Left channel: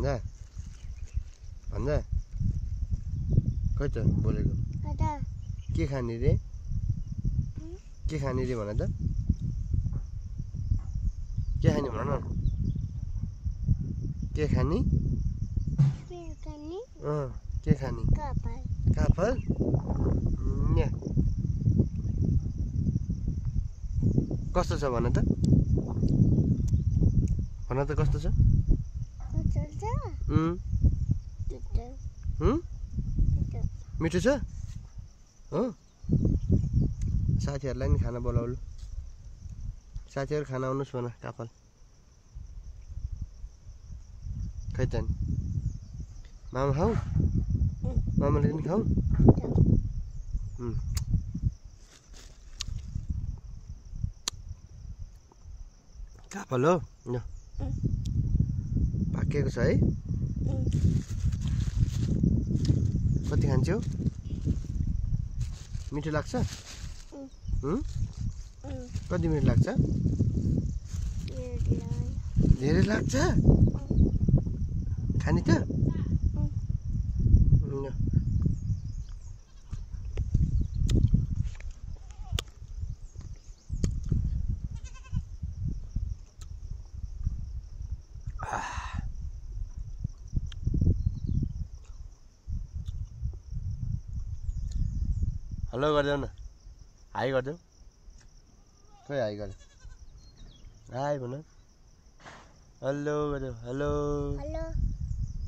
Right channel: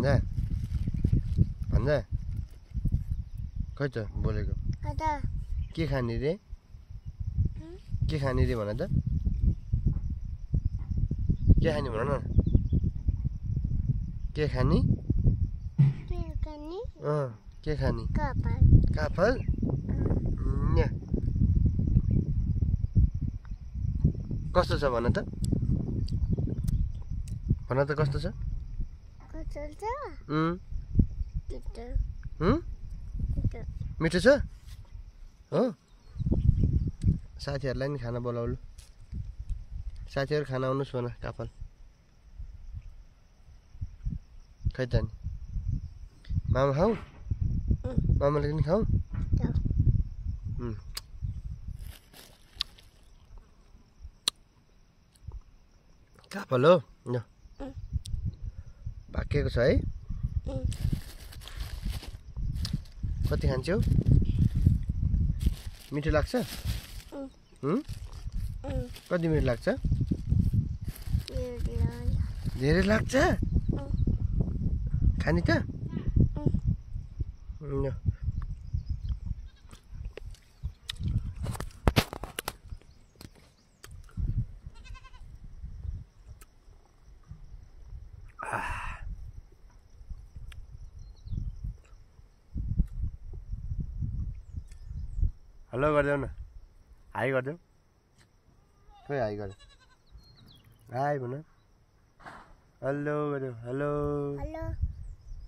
भन्जा भन्जा खै त बोलेको के खाने रे भन त के खाने भन न के खाने के खाने काफल कस्तो छ भन त कस्तो छ मिठो छ हो साथीहरूलाई नि खाना बोलाउनु साथीहरू खाना आउनुहोस् भन काफल खै त नि मामा खाऊ मामाले पनि खाऊ काफल हो पाकेको छ है कति खान्छौ मिठो लाग्छ कति मिठो लाग्छ धेरै लाग्छ खाने त हेलो गरिदेऊ न हाई गरिदेऊ खोइ हाई गर्यो हाई भन हेलो गरिदेऊ हेलो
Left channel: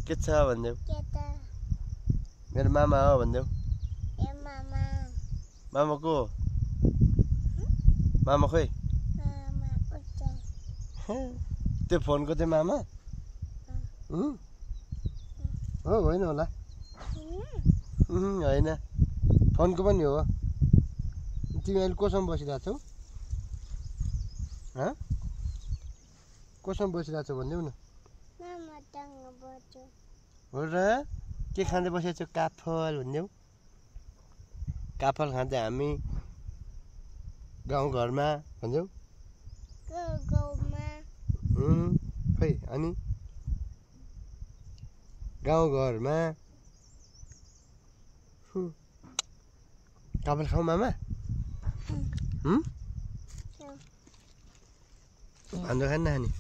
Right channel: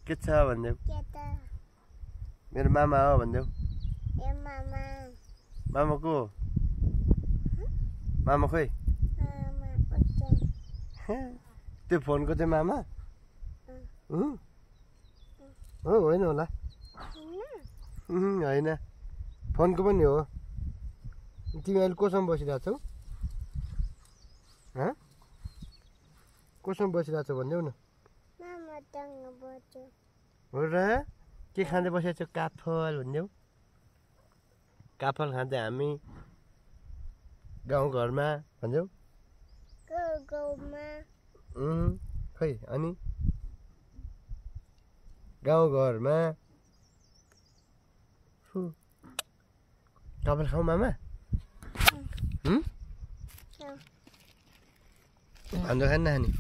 के छ भनिदेऊ मेरो मामा हो भनिदेऊ मामा को मामा खोइ त्यो फोनको चाहिँ मामा हो होइन होला होइन फोनको पनि हो तिमी अहिले कोसँग बसिरहेको छौ कोसँग बसिरहेको छौ भनिदेऊ न हो र के खाँदै बसेको छौ काफल भनिदेऊ काफल खाँदै हामी गाउँघरमा भनिदेऊ खै अनि गाउँघरमा काफल खाऊ मामा हाम्रो खाने नखाने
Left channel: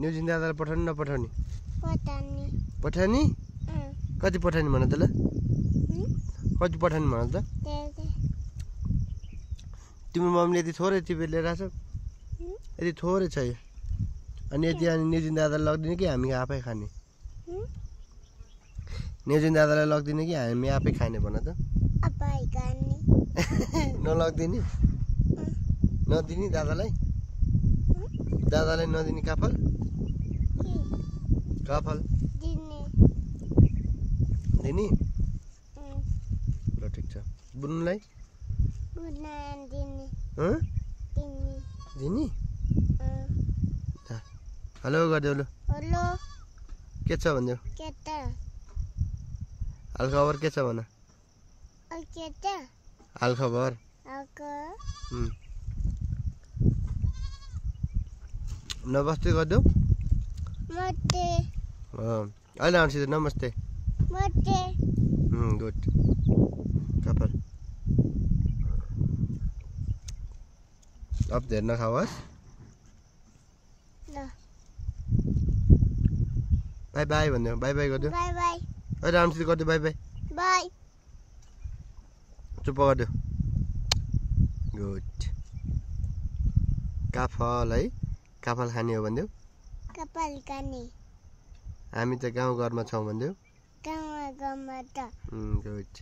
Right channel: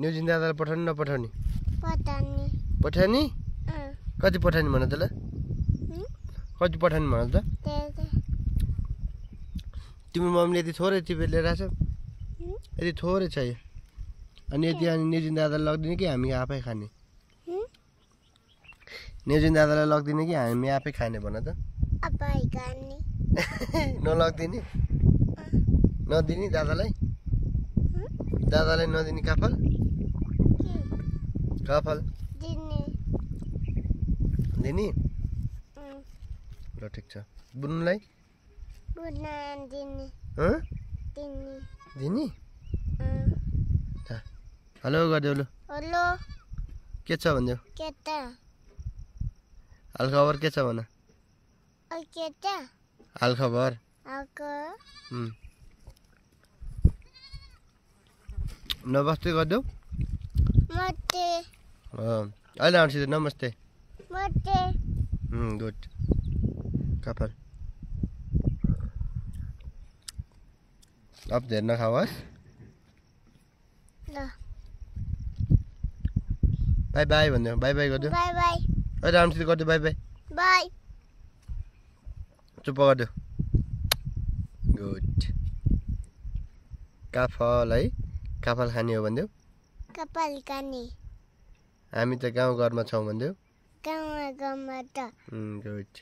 न्युजिन दादालाई पठाउने नपठाउने पठाउने कति पठाउने भन त ल कति पठाउने भन त तिम्रो मम्मीले यति थोरै टिपेर लिएर आएको छ यति थोरै छ यो अनि यति अनि न्युजिन दादालाई लगिदिने कि हामी आफै खाने न्युजिन दादालाई लगिदिने कि हामी आफै खाने भन त नलगिदिने नदिने दादालाई नदिने काफल काफल दिने ल ठिक छ बुन्नुलाई दिने हेलो गरिदेऊ लु के छ भनिदेऊ हालखबर के छ भन हालखबर नमस्ते गरिदेऊ अहिले आउँछ नमस्ते गुड काफल अब धेर नखाओस् बाई बाई भनिदेऊ बाई बाई गरिदेऊ अहिले आउँछ गरिदेऊ बाई बाई चुप गरिदेऊ गुड काफल है काफल खाने हो भनिदेऊ हामी त गाउँघरमा छौँ भनिदेऊ गुड